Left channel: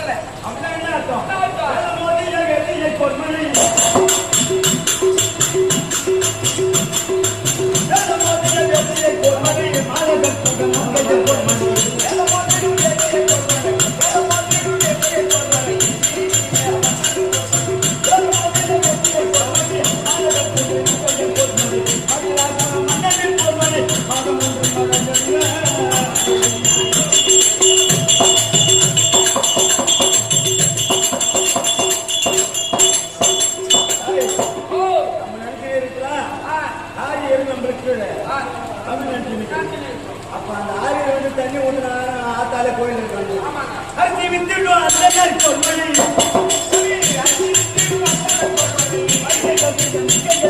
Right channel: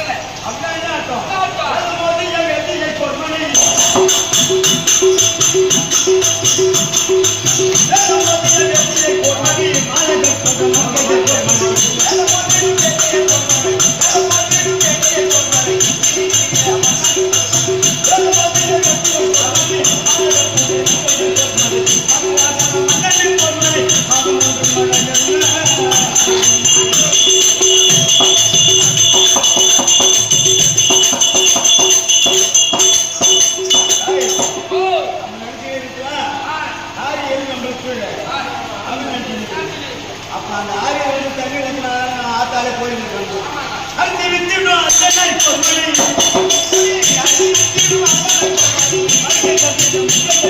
கேட்கல அப்படின்னா என்ன அர்த்தம்? மோதி எதிர்கை பொறுமனை அப்ப அந்த ஆறு வேணும் தண்ணி வந்து ஆத்தால கோயில் அரிசி வித்துட்டோம் அரிசி வித்துட்டோம்